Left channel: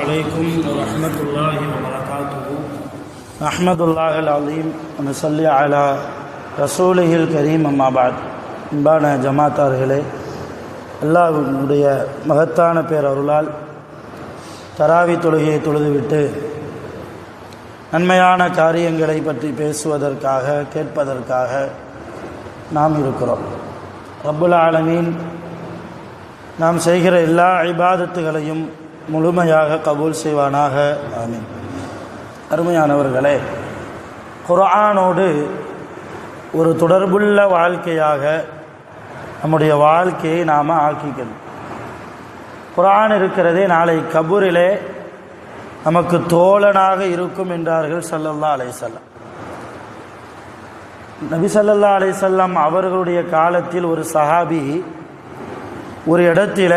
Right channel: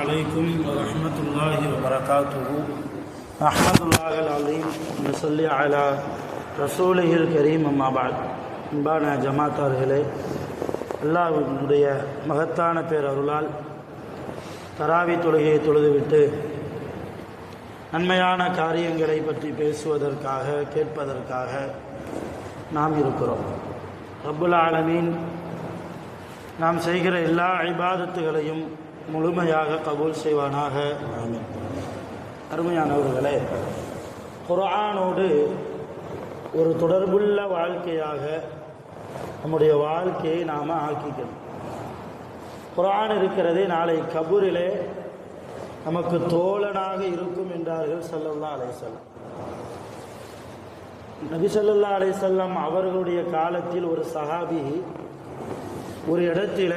عليكم ورحمة الله وبركاته. أحمد الله العظيم ونصلي على رسوله الكريم أما بعد. அன்பான ஜமாத்தார்களே, அல்லாஹ்வுடைய மகத்தான பேரருளால் தராவி தொழுகையை தொழுதுவிட்டு நன்மையான காரியங்களை பற்றி பேசுவதற்காக கேட்பதற்காக நாம் இருக்கிறோம். ரப்புல் ஆலமீன் நாம் செய்கிற எல்லா இபாதத்துகளையும் முழுமையாக கபூல் செய்வானாக. ஆமீன். அருமையானவர்களே, குர்ஆனோடு ஒரு தொடர்புள்ள வாழ்க்கையாக நம்முடைய வாழ்க்கையை நாம் ஆக்கிக்கணும். குர்ஆன் இருக்கிறதே நாளை கபூரிலே நமக்கு தோழனாக இருக்கும் என்றார்கள் ஸல்லல்லாஹு அலைஹி வஸல்லம். நபி ஸல்லல்லாஹு அலைஹி வஸல்லம் அவர்களுடைய காலத்தில் ஒரு சஹாபி ஒரு இடத்துல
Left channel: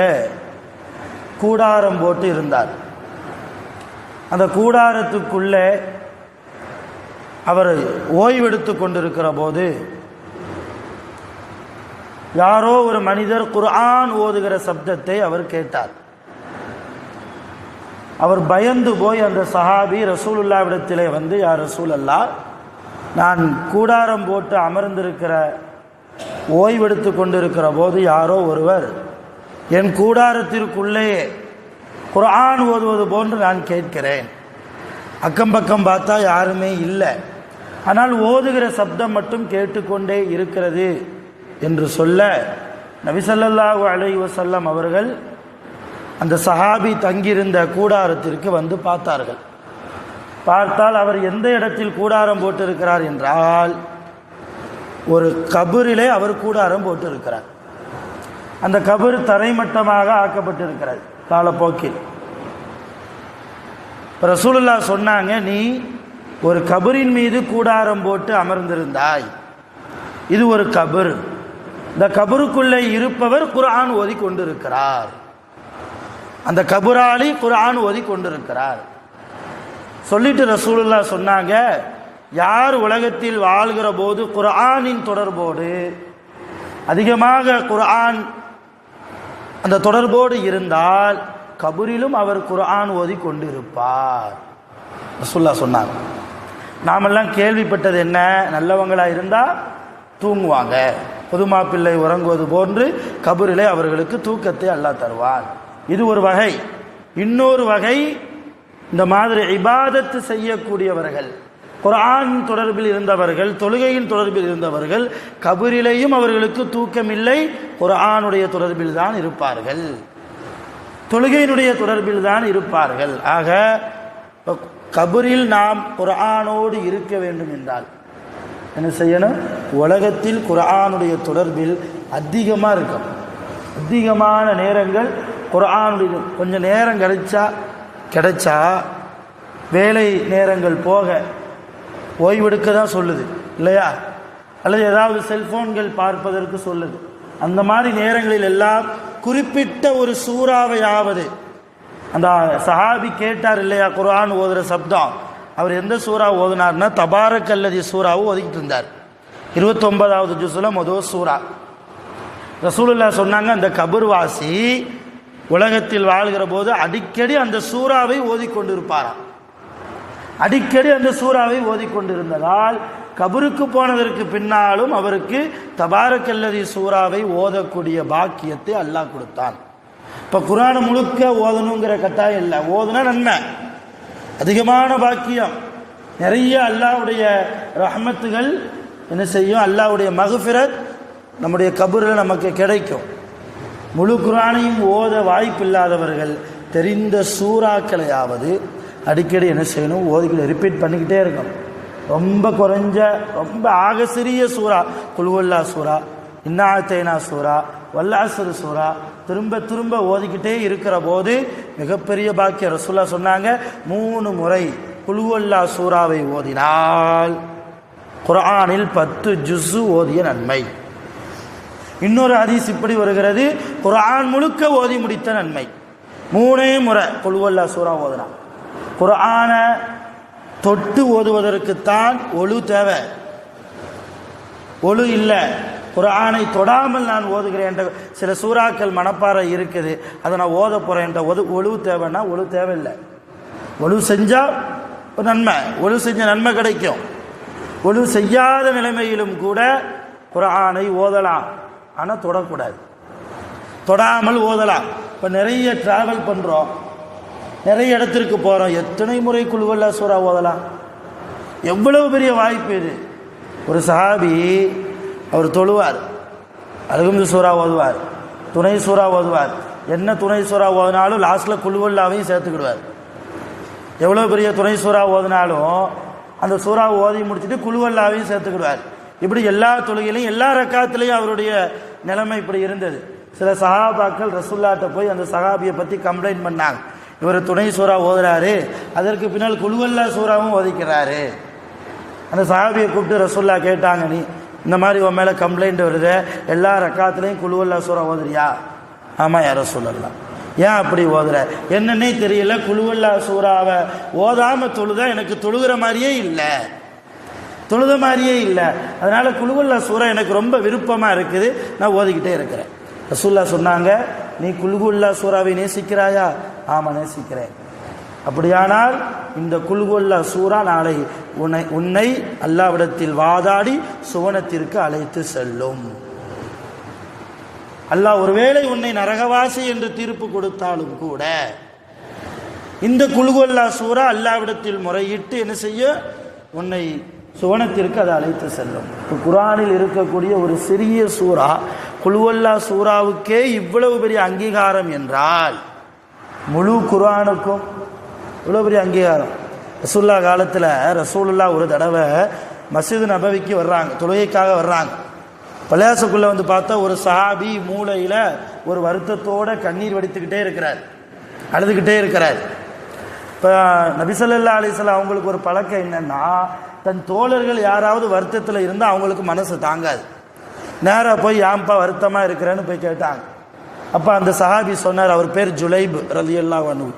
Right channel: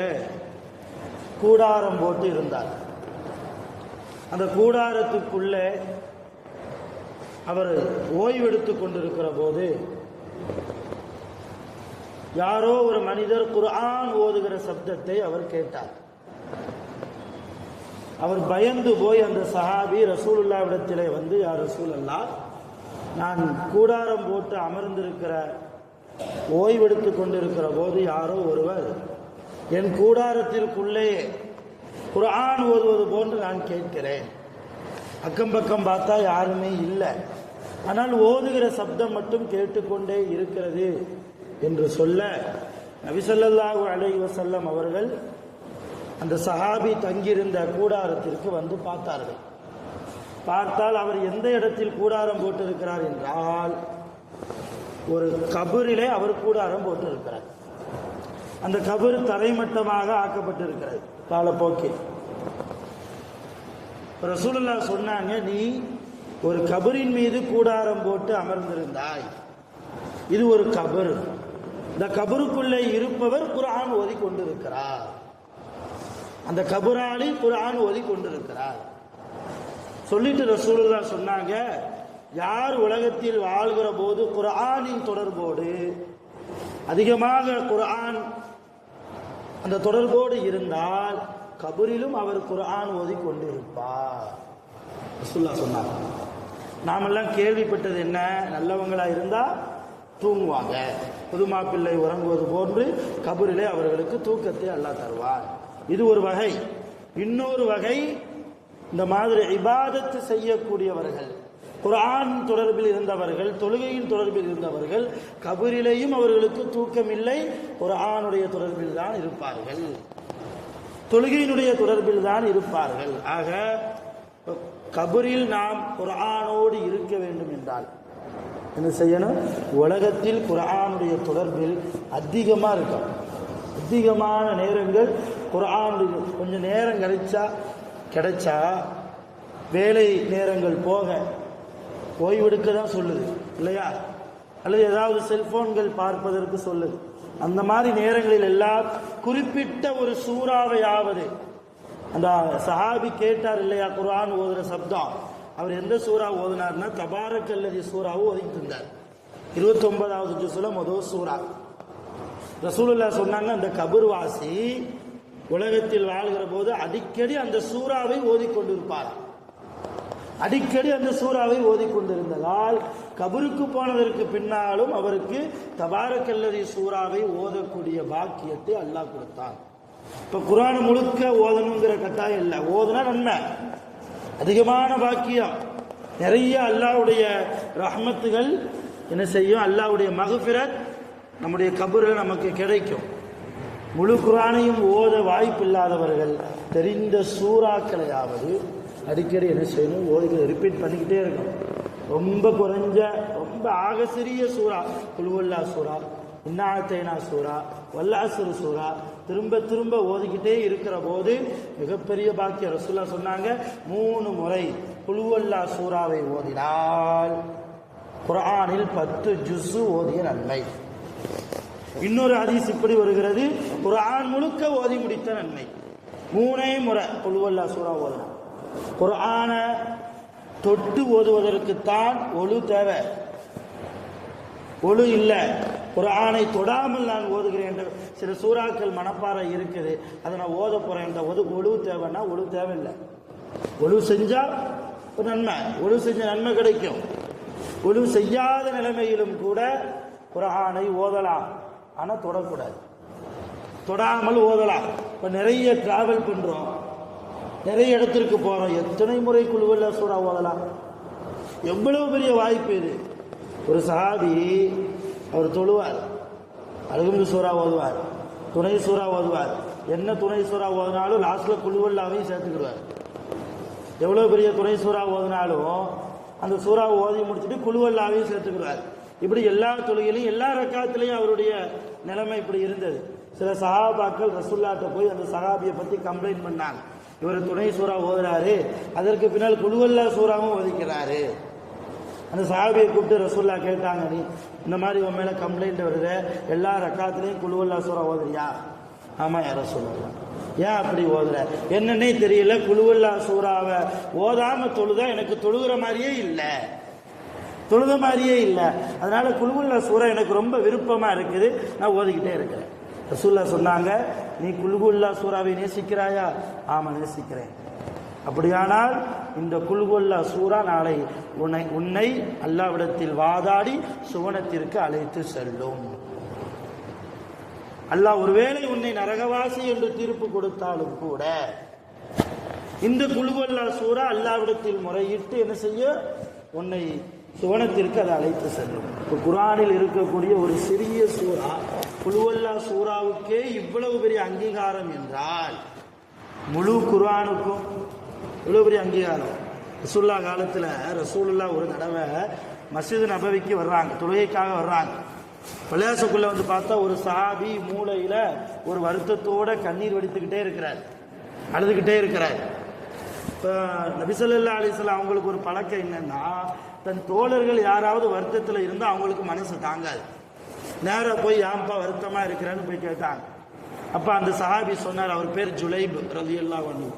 கூடாரம் போட்டு இருந்தார். அந்த கூடாரத்துக்குள்ளே அவர் ஓய்வெடுத்து கொண்டிருக்கிற போது யாரோ ஒரு மனிதர் குர்ஆன் ஓதுகிற சப்தத்தை அவர் கேட்டார். அவர் பயந்து போய் அந்த சஹாபி ரசூலுல்லாஹ்விடத்திலே வந்து, யா ரசூலல்லாஹ், நான் கூடாரம் போட்டு அமர்ந்திருக்கிற ஓய்வெடுத்து கொண்டிருக்கிற போது யாரோ ஒருவர் என் கூடாரத்திற்குள்ளேயே குர்ஆன் ஓதுவது போன்று நான் கேட்கிறேன். அக்கம் பக்கம் பார்த்தா யாருமே இல்லை, ஆனால் ஓதுகிற சப்தம் மட்டும் கேட்டுக்கொண்டே இருக்கிறது என்று சொல்ல, நபி ஸல்லல்லாஹு அலைஹி வஸல்லம் அவர்கள் அந்த சஹாபி தங்கியிருந்த கூடாரத்திற்கு வந்து பார்த்தார்கள். பார்த்தால் அவர் எந்த இடத்தில் கூடாரம் போட்டிருக்கிறார் என்றால், ஒரு கபரிலே அவர் கூடாரம் போட்டிருக்கிறார். அந்த கபர் தரைமட்டமாக ஆக்கப்பட்டிருக்கிறது காலப்போக்கில். ரசூலுல்லாஹ் சொன்னாங்க, நீ ஒரு கபரின் மீது கூடாரம் போட்டு அமர்ந்திருந்தாய், இது ஒரு கபர், இந்த கபருக்குள்ளே இருப்பவர் குர்ஆன் ஓதி கொண்டிருக்கிறார், அந்த கபராளி குர்ஆன் ஓதி கொண்டிருக்கிறார் சொல்லிட்டு ரசூலுல்லாஹ் சொன்னாங்க, யார் உலகத்தில் வாழ்கிற போது குர்ஆனின் தொடர்போடு அதிகமாக குர்ஆன் அந்த தொடர்போடு இருந்தால் கபரிலும் அவர் குர்ஆன் ஓதி கொண்டிருப்பார் ரசூலுல்லாஹ் சொன்னாங்க. நாமெல்லாம் கேள்விப்பட்டது என்ன, நல்லவங்களாக இருந்தால் தூங்குவாங்க, புதுமா பிள்ளை உறங்குவது போன்று கபரிலே அவர்களுக்கு தூக்கத்தை அல்லாஹ் தருவார். இது ஒரு வகை. இன்னொரு வகை, இந்த மாதிரி இபாதத்து செய்யக்கூடியவர்கள், குர்ஆன் தொடர்பில் இருந்தவர்கள், தொழுகையின் தொடர்பில் இருந்தவர்கள், கபரிலேயும் அவர்களுக்கு தூக்கமில்லை, குர்ஆனுடைய தொடர்பில் தான் இருப்பார்கள், தொழுகையினுடைய தொடர்பில் தான் இருப்பார்கள். ஆக கபரில் நாம் குர்ஆனோடு இருக்க வேண்டும் என்றால் என்ன செய்யணும்? உலகத்தில் குர்ஆனுடைய தொடர்பில் அதிகமாக இருக்கும். அதிகமான நேரங்கள் குர்ஆனுடைய, கொஞ்சம் நேரம் கிடைச்சா வேலை நேரங்கள் போக ஓய்வெடுக்க தான் சொல்லுது இல்லையா, அல்லது ஏதாவது செல்போன்கள் பார்ப்பதற்கு சொல்லுது. அந்த மாதிரி நேரங்களில் எல்லாம் குறிப்பிட்ட ஒரு சூறாவையாவது, அந்த சஹாபி கேட்டார் இல்லையா குர்ஆன் ஓதுகிற சப்தம், அவர் எந்த சூறா ஓதுனார்னா தபாரக்கல்லதி சூறாவை ஓதிக்கிட்டு இருந்தார். 29வது ஜுஸ்ல முதல் சூறா. ரசூலுல்லாஹ் சொன்னாங்க, அந்த கபர்வாசி உலகத்தில் வாழ்கிற போது அடிக்கடி அந்த சூறாவை ஓதிக்கொண்டிருப்பாராம். அடிக்கடி அந்த சூறாவை ஓதிக்கொண்டிருந்ததால் கபருக்கு போனதற்கு பின்னாலும் அவருக்கு தபாரக்கல்லதி சூறாவை ஓதக்கூடிய பாக்கியத்தை அல்லாஹ் கொடுத்தான். இப்போ குர்ஆன் முழுக்க ஓதணுங்கிற கட்டாயம் இல்லை, ஓதுனா நன்மை, அதிகமான பாக்கியம், நிறைய அல்லாஹ்வுடைய ரஹ்மத்துகள் என்ன செய்யும், அல்லாஹ்வுடைய மக்ஃபிரத் நம்முடைய கபரில் நமக்கு கிடைக்கும். முழு குர்ஆனையும் ஓத வாய்ப்பில்லாதவர்கள் தெரிந்த சூறாக்களையாவது அடிக்கடி என்ன செய்யணும், ஓதிக்கிட்டு ரிப்பீட் பண்ணிக்கிட்டே இருக்கணும். ரொம்ப குறைஞ்ச, ரொம்ப ஆக சிறிய சூறா குல் ஹுவல்லாஹ் சூறா, இன்னா அத்தைனா சூறா, வல் அஸ்ர் சூறா திரும்ப திரும்ப ஓதிக்கிட்டே இருக்கிற போது மிகப்பெரிய பாக்கியம். ரசூலுல்லாஹ் சொன்னாங்க, 3 முறை குல் ஹுவல்லாஹ் சூறாவை ஓதினால் குர்ஆனில் 10 ஜுஸ் ஓதிய நன்மை. இன்னொரு ஹதீஸ் இப்படி வருகிறது, குர்ஆன் முழுக்க ஓதி முடித்த நன்மை. 3 முறை குல் ஹுவல்லாஹ் சூறா ஓதுனா. குர்ஆனை தொட்டு ஓதுவதற்குத்தான் ஒழு தேவை, ஒழு இல்லை, குர்ஆனை தொடாமல் நான் ஓதுகிறேன் என்ற சில சூறாக்கள் மனப்பாறை இருக்குது, அதை நான் ஓத போகிறேன் என்ற ஒழுவு தேவைன்னா ஒழுவு தேவையில்லை. ஒழுவு செஞ்சால் ஒரு நன்மை, ஒழுவு செஞ்ச நன்மை கிடைக்கும். ஒழுவு செய்யாத நிலைமையிலும் கூட குர்ஆனை ஓதலாம், ஆனால் தொடக்கூடாது. தொடாமல் ஓதலாம். இப்போ நிறைய ட்ராவல் பண்ணுறோம், நிறைய இடத்திற்கு போகிறோம், எத்தனை முறை குல் ஹுவல்லாஹ் சூரா ஓதலாம்? எவ்வளவு பெரிய வாய்ப்பு இது. ஒரு சஹாபி அவர் தொழுவார், அல்ஹம்து சூரா ஓதுவார், துணை சூரா ஓதுவார், என்ன துணை சூரா ஓதினாலும் லாஸ்ட்டில் குல் ஹுவல்லாஹையும் சேர்த்துக்கிடுவார். எவ்வளோ பெரிய துணை சூறா ஓதினாலும் அந்த சூறா ஓதி முடிச்சுட்டு குல் ஹுவல்லாஹையும் சேர்த்துக்கிடுவார். இப்படி எல்லா தொழுகையிலையும் எல்லா ரக்காத்துலேயும் அவருடைய நிலைமை இப்படி இருந்தது. சில சஹாபாக்கள் ரசூலுல்லாஹ்ட்ட போய் அந்த சஹாபியை பற்றி கம்ப்ளைண்ட் பண்ணாங்க, இவர் துணை சூறா ஓதுறாரு, அதற்கு பின்னால் குல் ஹுவல்லாஹ் சூறாவும் ஓதிக்கிறாரு. அந்த சஹாபியை கூப்பிட்டு ரசூலுல்லாஹ் கேட்டாங்க, நீ இந்த மாதிரி உன் மேலே கம்ப்ளைண்ட் வருது, எல்லா ரக்காத்துலேயும் குல் ஹுவல்லாஹ் சூறா ஓதுறியா? ஆமாம் யா ரசூலல்லாஹ். ஏன் அப்படி ஓதுற? என்னன்னே தெரியல, குல் ஹுவல்லாஹ் சூறாவை ஓதாமல் தொழுதா எனக்கு தொழுகிற மாதிரியே இல்லை, தொழுத மாதிரியே இல்லை. அதனால் குல் ஹுவல்லாஹ் சூறா எனக்கு ரொம்ப விருப்பமாக இருக்குது, நான் ஓதிக்கிட்டே இருக்கிறேன். ரசூலுல்லாஹ் சொன்னாங்க, நீ குல் ஹுவல்லாஹ் சூறாவை நேசிக்கிறாயா? ஆமாம் நேசிக்கிறேன். அப்படியானால் இந்த குல் ஹுவல்லாஹ் சூறா நாளை உன்னை அல்லாஹ்விடத்தில் வாதாடி சுவனத்திற்கு அழைத்து செல்லும். அல்லாஹ் ஒருவேளை உன்னை நரகவாசி என்று தீர்ப்பு கொடுத்தாலும் கூட இந்த குல் ஹுவல்லாஹ் சூறா அல்லாஹ்விடத்தில் முறையிட்டு என்ன செய்ய? உன்னை சுவனத்திற்கு அதை அழைத்து செல்லும். இப்போ குர்ஆனில் இருக்கக்கூடிய ஒரு சிறிய சூறா குல் ஹுவல்லாஹ் சூறாவுக்கே இவ்வளவு பெரிய அங்கீகாரம் என்றால் முழு குர்ஆனுக்கும் இவ்வளோ பெரிய அங்கீகாரம். ரசூலுல்லாஹ் காலத்தில் ரசூலுல்லாஹ் ஒரு தடவை மஸ்ஜித் நபவிக்கு வர்றாங்க, தொழுகைக்காக வர்றாங்க. பள்ளியாசக்குள்ளே வந்து பார்த்தா ஒரு சஹாபி மூளையில் ஒரு வருத்தத்தோடு கண்ணீர் வடித்துக்கிட்டே இருக்கிறார், அழுதுகிட்டே இருக்கிறார். இப்போ நபி ஸல்லல்லாஹு அலைஹி வஸல்லம் அவங்களுக்கு ஒரு பழக்கம் என்னென்னா, தன் தோழர்கள் யாராவது வருத்தத்தில் இருந்தால் அவங்களுக்கு மனசு தாங்காது, நேராக போய் யாம்பா வருத்தமாக இருக்கிறேன்னு போய் கேட்டாங்க. அப்போ அந்த சஹாபி சொன்னார், அவர் பேர் ஜுலைப் ரலியல்லாஹு அன்ஹு.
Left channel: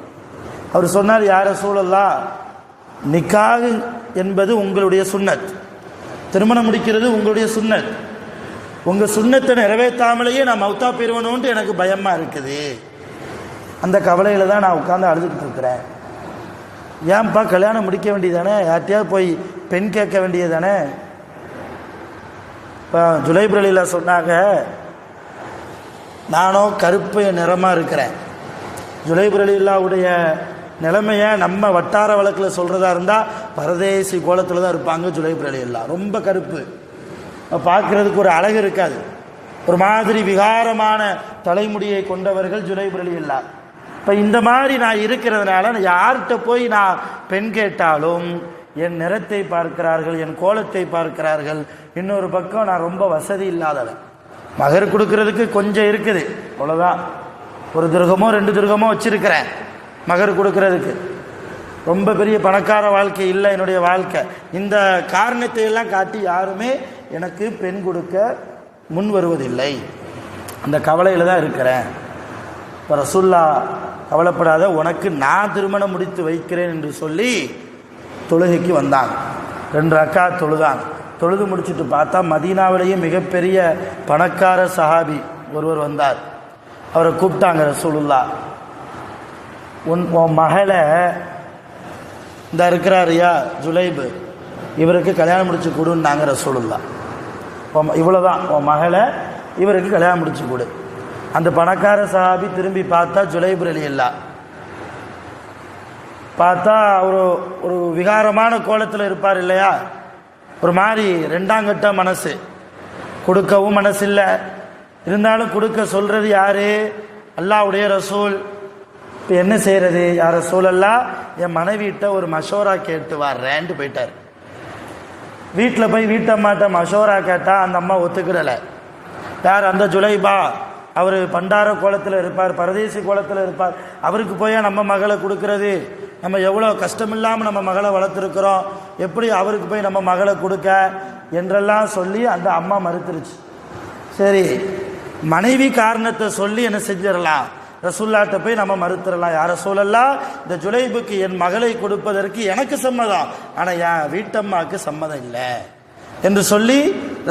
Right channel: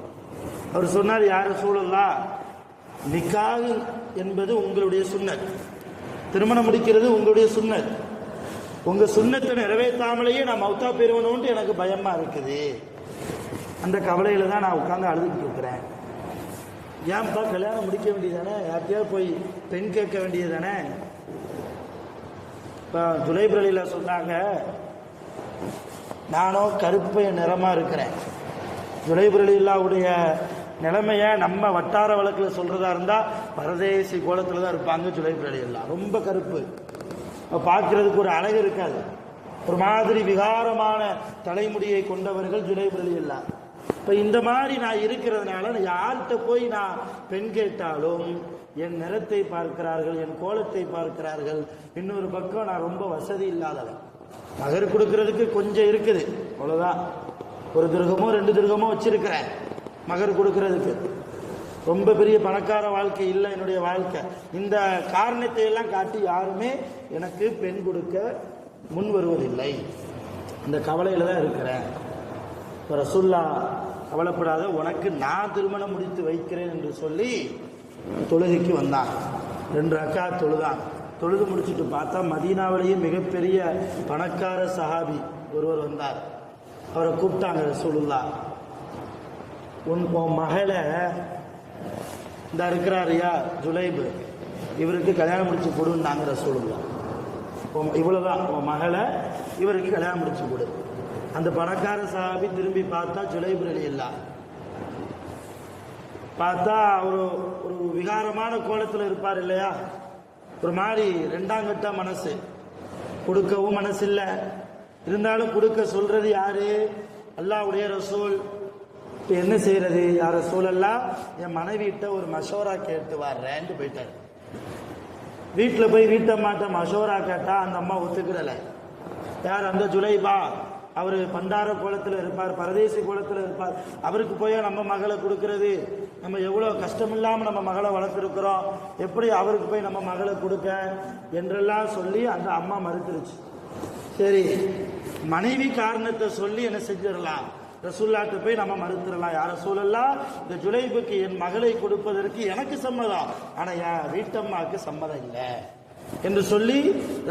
அவர் சொன்னார், யா ரசூலல்லாஹ், நிக்காஹ் என்பது உங்களுடைய சுன்னத், திருமணம் முடிக்கிறது உங்களுடைய சுன்னத், உங்கள் சுன்னத்தை நிறைவேற்றாமலேயே நான் மௌத்தா போயிருவணுன்ட்டு எனக்கு பயமாக இருக்குது, அந்த கவலையில் தான் நான் உட்காந்து அழுதுகிட்டு இருக்கிறேன். ஏன்பா கல்யாணம் முடிக்க வேண்டியதானே, யார்ட்டையாவது போய் பெண் கேட்க வேண்டியது தானே? இப்போ ஜுலைப் ரலியல்லாஹு சொன்னாங்க, நானும் கருப்பு நிறமாக இருக்கிறேன். ஜுலைப் ரலியல்லாஹுடைய நிலைமையை நம்ம வட்டார வழக்கில் சொல்கிறதா இருந்தால் பரதேசி கோலத்தில் தான் இருப்பாங்க ஜுலைப் ரலியல்லாஹு. ரொம்ப கருப்பு, பார்க்குறதுக்கு ஒரு அழகு இருக்காது, ஒரு மாதிரி விகாரமான தலைமுடியை கொண்டவர்கள் ஜுலைப் ரலியல்லாஹு. இப்போ இந்த மாதிரி நான் இருக்கிறதுனால யார்கிட்ட போய் நான் பெண் கேட்டாலும் என் நிறத்தை பார்க்கிறார்கள், என் கோலத்தை பார்க்கிறார்கள். இன்னொரு பக்கம் நான் ரொம்ப வசதி இல்லாதவன், மகர் கொடுக்கறதுக்கு கொஞ்சம் இருக்குது, அவ்வளோதான், ஒரு திருகமோ 2 திருகமோ வச்சிருக்கிறேன் மகர் கொடுக்கறதுக்கு. ரொம்ப பெரிய பணக்கார வாழ்க்கை இல்லை என்னுடைய வாழ்க்கை. இந்த காரணத்தை எல்லாம் காட்டி யாருமே எனக்கு பெண் கொடுக்க முன் வருவதில்லை, அந்த கவலையில் தான் இருக்கிறேன். இப்போ ரசூலுல்லாஹ் கவலைப்படாத, உனக்கு நான் திருமணம் முடித்து வைக்கிறேன் என்று சொல்லி தொழுகைக்கு வந்தாங்க. 2 ரக்காத் தொழுதாங்க. தொழுது முடிச்சுட்டு பார்த்தா மதீனாவிலேயே மிகப்பெரிய பணக்கார சஹாபி ஒருவர் வந்தார். அவரை கூப்பிட்டாங்க ரசூலுல்லாஹ், உன் மகளை இந்த இருக்கிறாரியா ஜுலைப், இவருக்கு கல்யாணம் முடிச்சு கொடுன்னாங்க ரசூலுல்லாஹ். இவ்வளோதான், உன் மகளை இவருக்கு கல்யாணம் முடிச்சு கொடு. அந்த பணக்கார சஹாபி திரும்பி பார்த்தா ஜுலைப் ரலியல்லாஹு. பார்த்தா ஒரு விகாரமான கோலத்தில் இருப்பார் இல்லையா, ஒரு மாதிரி 2ஆம் கட்ட மனசு, கொடுக்கவும் மனசு இல்லை, இருந்தாலும் கொடுக்க சொல்கிறது யாரு? அல்லாஹ்வுடைய ரசூல். இப்போ என்ன செய்கிறது? யார் ரசூலல்லாஹ், என் மனைவிட்ட ஒரு மஷோரா கேட்டு வர்றேன்ட்டு போயிட்டார். வீட்டில் போய் வீட்டம்மாட்ட மஷோரா கேட்டால் அந்த அம்மா ஒத்துக்கிடலை. யார்? அந்த ஜுலைபா, அவர் பண்டார கோலத்தில் இருப்பார், பரதேசி கோலத்தில் இருப்பார், அவருக்கு போய் நம்ம மகளை கொடுக்கறது, நம்ம எவ்வளோ கஷ்டமில்லாமல் நம்ம மகளை வளர்த்துருக்குறோம், எப்படி அவருக்கு போய் நம்ம மகளை கொடுக்க என்றெல்லாம் சொல்லி அந்த அம்மா மறுத்துருச்சு. சரி, மனைவி காரணத்தை சொல்லி என்ன செஞ்சிடலாம், ரசூலுல்லாஹ்ட்ட போய் நம்ம மறுத்துடலாம். யார் ரசூலல்லாஹ், இந்த ஜுலைபுக்கு என் மகளை கொடுப்பதற்கு எனக்கு சம்மதம், ஆனால் என் வீட்டம்மாவுக்கு சம்மதம் இல்லை, என்று சொல்லி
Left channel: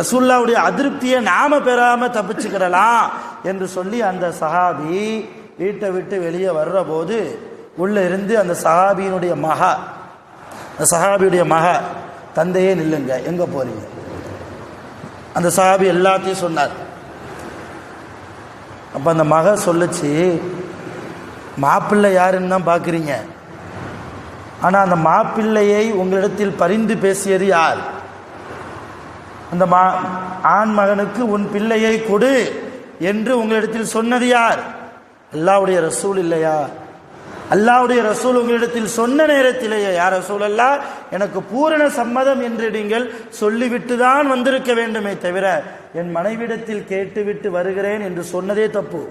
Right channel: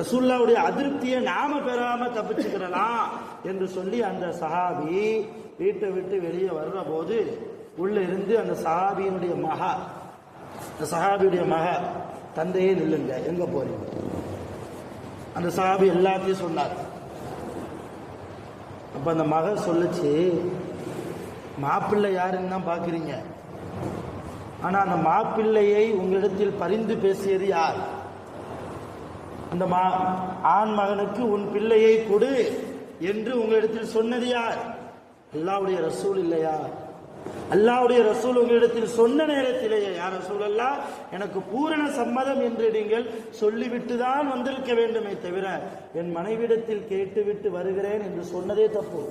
ரசூலுல்லாவுடைய அதிருப்தியை நாம பெறாம தப்பிச்சுக்கிடலாம் என்று சொல்லி அந்த சஹாபி வீட்டை விட்டு வெளியே வர்ற போது உள்ள இருந்து அந்த சஹாபியினுடைய மக தந்தையே நில்லுங்க, எங்க போறீங்க? அந்த சஹாபி எல்லாத்தையும் சொன்னார். அப்ப அந்த மக சொல்லுச்சு, மாப்பிள்ளை யாருன்னு தான் பார்க்குறீங்க, ஆனால் அந்த மாப்பிள்ளையை உங்களிடத்தில் பரிந்து பேசியது யார்? அந்த ஆண் மகனுக்கு உன் பிள்ளையை கொடு என்று உங்களிடத்தில் சொன்னது யார்? அல்லாஹ்வுடைய ரசூல் இல்லையா? அல்லாஹ்வுடைய ரசூல் உங்களிடத்தில் சொன்ன நேரத்திலேயே, யார் ரசூல் அல்லா, எனக்கு பூரண சம்மதம் என்று நீங்கள் சொல்லிவிட்டு தான் வந்திருக்க வேண்டுமே தவிர என் மனைவிடத்தில் கேட்டுவிட்டு வருகிறேன் என்று சொன்னதே தப்பு.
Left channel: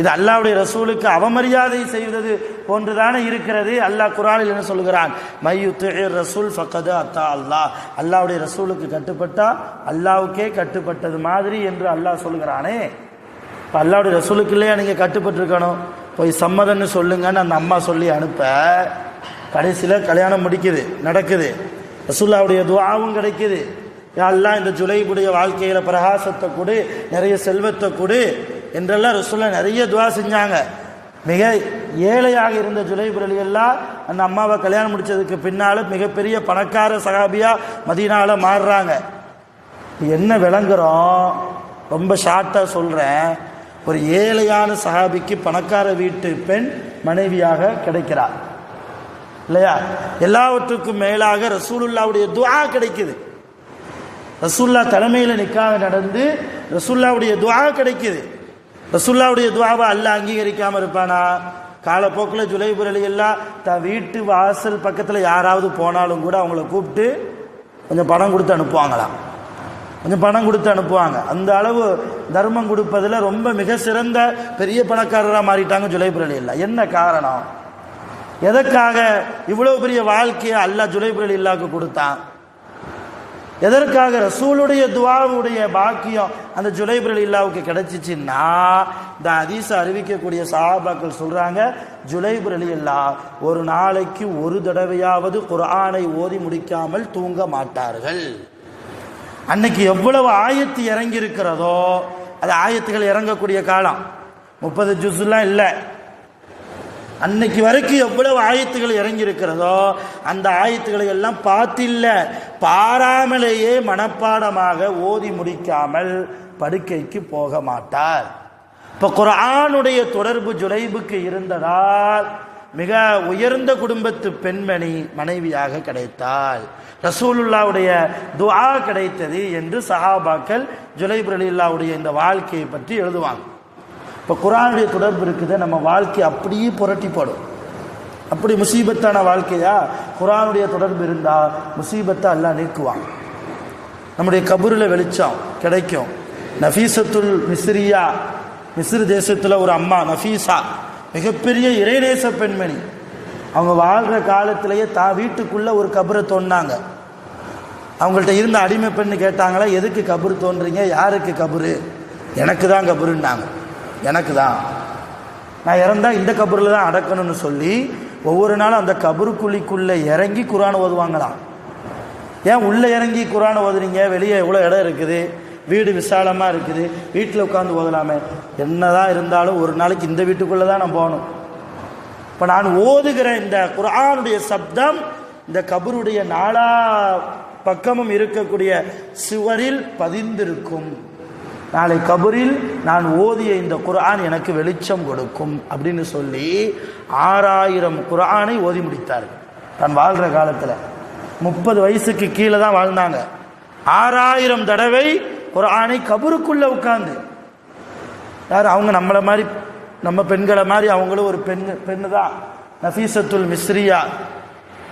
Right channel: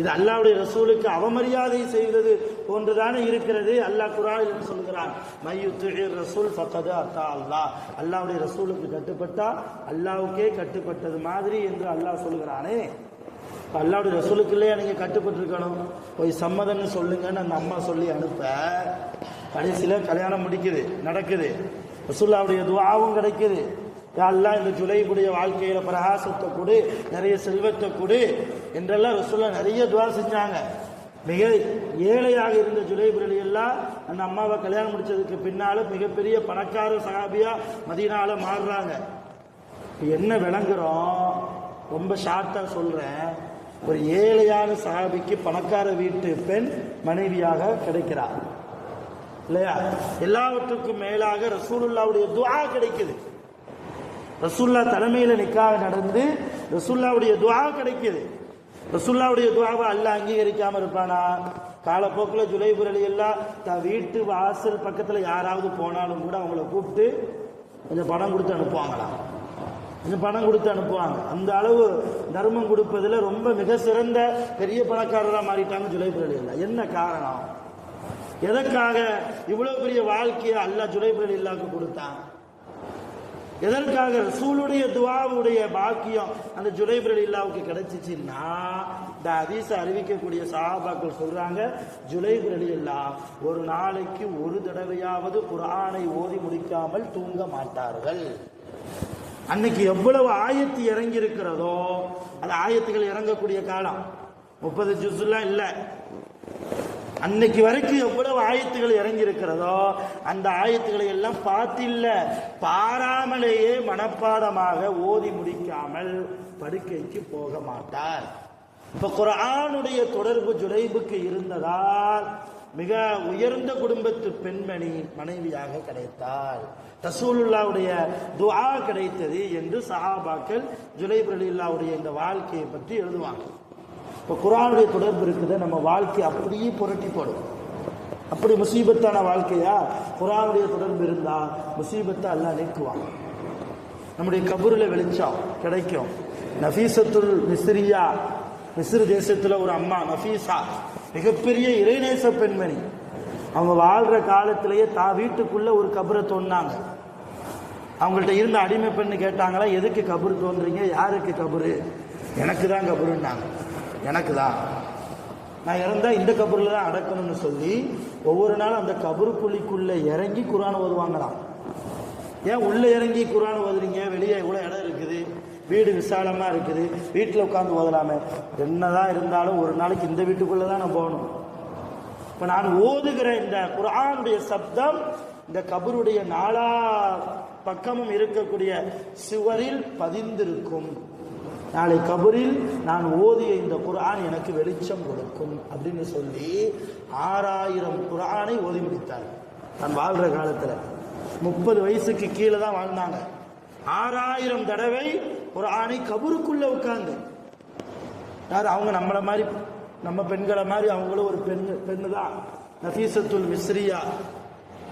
இது அல்லாஹ்வுடைய ரசூலுக்கு அவமரியாதை செய்வது போன்றுதானே இருக்கிறது. அல்லாஹ் குர்ஆனில் என்ன சொல்கிறான்? மையுத்திர் ரசூல் ஃபக்கத் அத்தா அல்லாஹ். அல்லாஹ்வுடைய ரசூலுக்கு கட்டுப்பட்டா அல்லாஹ்வுக்கே கட்டுப்பட்டது மாதிரி என்று அல்லாஹ் சொல்கிறானே. இப்போ அல்லாஹ்வுடைய ரசூலுக்கு இல்லையா நீங்கள் கட்டுப்பட்டிருக்கணும்? போய் சம்மதம்னு சொல்லுங்கன்னு அந்த அம்மா சொல்லி அனுப்ப, கடைசியில் கல்யாணம் நடக்குது. ரசூலுல்லாஹ்வுடைய துஆவும் கிடைக்குது. யா அல்லாஹ் இந்த ஜுலைபுடைய வாழ்க்கையில் பிரகாசத்தை கொடு, நிறைய செல்வத்தை கொடு என்றெல்லாம் ரசூலுல்லாஹ் நிறைய துஆ செஞ்சாங்க. மிக ஏழையாக இருந்த ஜுலைப் ரலியல்லாஹ் அந்த அம்மாவை கல்யாணம் முடிச்சதுக்கு பின்னால் மிகப்பெரிய பணக்கார சஹாபியா மதீனாவில் மாறுறாங்க. என்ன விளங்குறோம்? ரொம்ப ஷார்ட்டாக சொல்கிறேன். ஒரு ஏழையான சஹாபிக்கு பணக்கார வீட்டு பெண் மனைவியாக கிடைக்கிறார் இல்லையா? எல்லாவற்றுக்கும் மேலாக ரசூலுல்லாஹ்வுடைய துஆ கிடைக்குது. ரசூலுல்லாஹ் தலைமையில் நிக்காஹ் நடந்து ரசூலுல்லாஹ்வுடைய துஆ கிடைக்குது. ரசூலுல்லாஹ்வுடைய துஆவை அல்லாஹ் அங்கீகரிக்காமல் இருப்பானா? காலப்போக்கில் ஜுலைப் ரலியல்லாஹ் தான் வீட்டு வாசல் பக்கத்தில் யாராவது போனாலும் கூட அவங்கள கூப்பிட்டு கொஞ்சம் பணம் கொடுத்து அனுப்புவாங்க. அந்த அளவு தர்மம் கொடுப்பதில் ரொம்ப மிக சிறந்த பெரிய பணக்காரராக மாறிட்டாங்க ஜுலைப் ரலியல்லாஹ். என்ன காரணம்? எதற்காக இவ்வளவு பெரிய வாழ்க்கையை அல்லாஹ் ஜுலைப் ரலியல்லாஹ்க்கு கொடுத்தான்? எதற்காக? ரசூலுடைய துஆவுடைய பாக்கியம் அந்த ஜுலைப் ரலியல்லாஹ்வுக்கு கிடைச்சிச்சுன்னா, இந்த ஹதீஸை அறிவிக்கக்கூடிய சஹாபாக்கள் சொல்றாங்க, ஜுலைப் ரலியல்லாஹ் ஒரு நாளைக்கு ஒரு தடவையாவது குர்ஆனை ஓதி முடிக்காமல் தூங்க மாட்டார்கள். அன்னைக்கு எவ்வளவு ஆயத்து இறங்கி இருக்கிறதோ, அது ஆயத்துகள் இறங்கக்கூடிய காலம் 30 ஜுஸ்லாம் இல்லை. அன்னைக்கு வரைக்கும் எவ்வளவு ஆயத்துகள் இறங்கி இருக்கிறதோ அந்த ஆயத்துக்களை எல்லாம் பாராமலேயே மனப்பாடமாக ஓதி முடிக்காமல் படுக்கைக்கு போக மாட்டார். இப்போ குர்ஆனுடைய தொடர்பு ஜுலைபுக்கு இருந்ததால் மிக உயர்ந்த குடும்பத்து பெண்மணி மனைவியாக கிடைத்தாள். ரசூலுல்லாஹ்வுடைய துஆ கிடைத்தது என்று சஹாபாக்கள் ஜுலைப் ரலியல்லாஹ்வுடைய இந்த வாழ்க்கையை பற்றி எழுதுவாங்க. இப்போ குர்ஆனுடைய தொடர்பு இருக்குது, நம்ம வாழ்க்கை அப்படியே புரட்டி போடும். அப்படி முசீபத்தான வாழ்க்கையா? குர்ஆனுடைய தொடர்பு இருந்தால் முசீபத்தை அல்லாஹ் நீக்குவாங்க. நம்முடைய கபூரில் வெளிச்சம் கிடைக்கும். நஃபீசத்துல் மிஸ்ரியா, மிஸ்ர் தேசத்தில் ஒரு அம்மா நஃபீசா, மிகப்பெரிய இறைநேச பெண்மணி. அவங்க வாழ்கிற காலத்திலேயே வீட்டுக்குள்ளே ஒரு கபரை தோண்டினாங்க. அவங்கள்ட்ட இருந்த அடிமை பெண்ணு கேட்டாங்களா, எதுக்கு கபர் தோன்றீங்க? யாருக்கு கபரு? எனக்கு தான் கபருன்னாங்க. எனக்கு தான், நான் இறந்தால் இந்த கபரில் தான் அடக்கணும்னு சொல்லி ஒவ்வொரு நாளும் அந்த கபருக்குழிக்குள்ளே இறங்கி குர்ஆன் ஓதுவாங்களாம். ஏன் உள்ளே இறங்கி குர்ஆன் ஓதுறீங்க? வெளியே எவ்வளோ இடம் இருக்குது, வீடு விசாலமாக இருக்குது, வீட்டில் உட்காந்து ஓதலாமே. என்னதான் இருந்தாலும் ஒரு நாளைக்கு இந்த வீட்டுக்குள்ளே தான் நான் போகணும். இப்போ நான் ஓதுகிற இந்த குர்ஆனுடைய சப்தம் இந்த கபருடைய நாலா பக்கமும் இருக்கக்கூடிய சுவரில் பதிந்திருக்கும். நாளை கபரில் நான் ஓதிய இந்த குர்ஆன் எனக்கு வெளிச்சம் கொடுக்கும் அப்படின்னு சொல்லி 6000 குர்ஆனை ஓதி முடித்தார் தான் வாழ்கிற காலத்தில். 30 வயசுக்கு கீழே தான் வாழ்ந்தாங்க. 6000 தடவை குர்ஆனை கபருக்குள்ளே உட்கார்ந்து. யார் அவங்க? நம்மளை மாதிரி, நம்ம பெண்களை மாதிரி அவங்களும் ஒரு பெண்ணு தான். நஃபீசத்துல் மிஸ்ரியா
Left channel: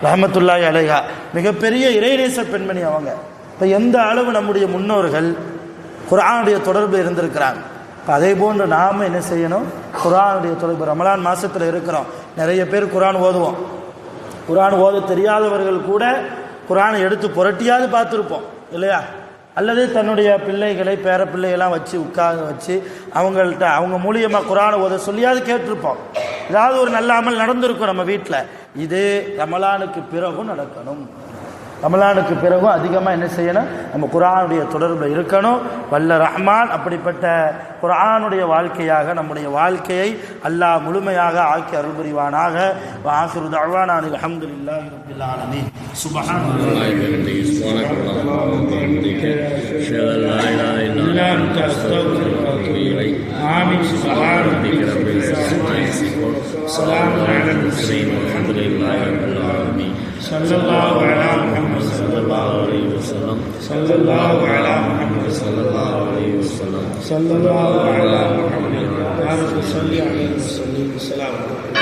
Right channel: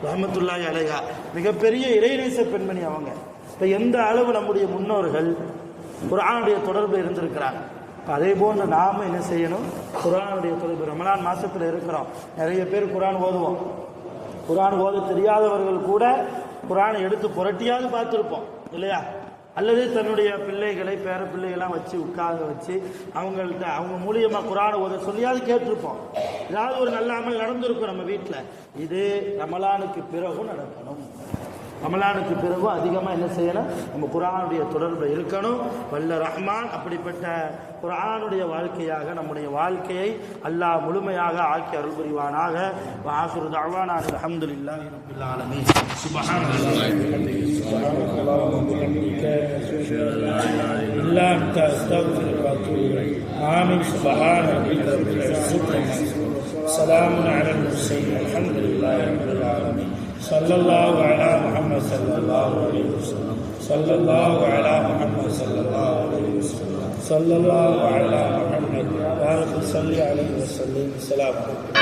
ரஹ்மத்துல்லாஹி அலைஹா, மிகப்பெரிய இறைநேச பெண்மணி அவங்க. இப்போ எந்த அளவு நம்முடைய முன்னோர்கள் குர்ஆனுடைய தொடர்பு இருந்திருக்கிறாங்க. அதே போன்று நாம் என்ன செய்யணும்? குர்ஆனுடைய தொடர்பு. ரமலான் மாதத்தில் இருக்கிறோம், நிறைய பேர் குர்ஆன் ஓதுவோம். குர்ஆன் ஓத தெரியாதவர்கள் கூட குர்ஆனை எடுத்து புரட்டியாவது பார்த்துருப்போம் இல்லையா? அல்லது தன்னுடைய பிள்ளைகளை பேர பிள்ளைகள்லாம் வச்சு உட்கார்ந்து வச்சு அவங்கள்ட்ட அவங்க மூலியமாக குர்ஆனை ஓத சொல்லியாவது கேட்டிருப்போம். ஏதாவது ஒரு நல்ல அமல் நடந்திருக்கும் நம்ம வீட்டில். இது ரமலானுக்கு பிறகும் நடக்கணும். ரமலானுக்கு பிறகும் அதிகமாக என்ன செய்யணும், நம்ம குர்ஆனுடைய தொடர்பில் இருக்கணும். வல்ல ரஹ்மான் அப்படிப்பட்ட குர்ஆனுடைய வாழ்க்கையாக நம்முடைய வாழ்க்கையை அல்லாஹ் முழுமையாக ஆக்கி அருள் புரிவானாக. ஆகிரு தஅவானா அல்ஹம்துலில்லாஹி ரப்பில் ஆலமீன். சுப்ஹானல்லாஹி வ பிஹம்திஹி ஆமீன். சுப்ஹான ரப்பிக ரப்பில் இஸ்ஸத்தி ஸலாமுன் அலல் முர்ஸலீன் வல்ஹம்துலில்லாஹி ரப்பில் ஆலமீன். ஸல்லல்லாஹு அலா முஹம்மத் ஸல்லல்லாஹு அலைஹி வஸல்லம். ஸல்லல்லாஹு அலா முஹம்மத் ஸல்லல்லாஹு அலைஹி வஸல்லம். ஸல்லல்லாஹு அலா முஹம்மத் யா ரப்பி ஸல்லி அலைஹி வஸல்லம். ஸலாம்.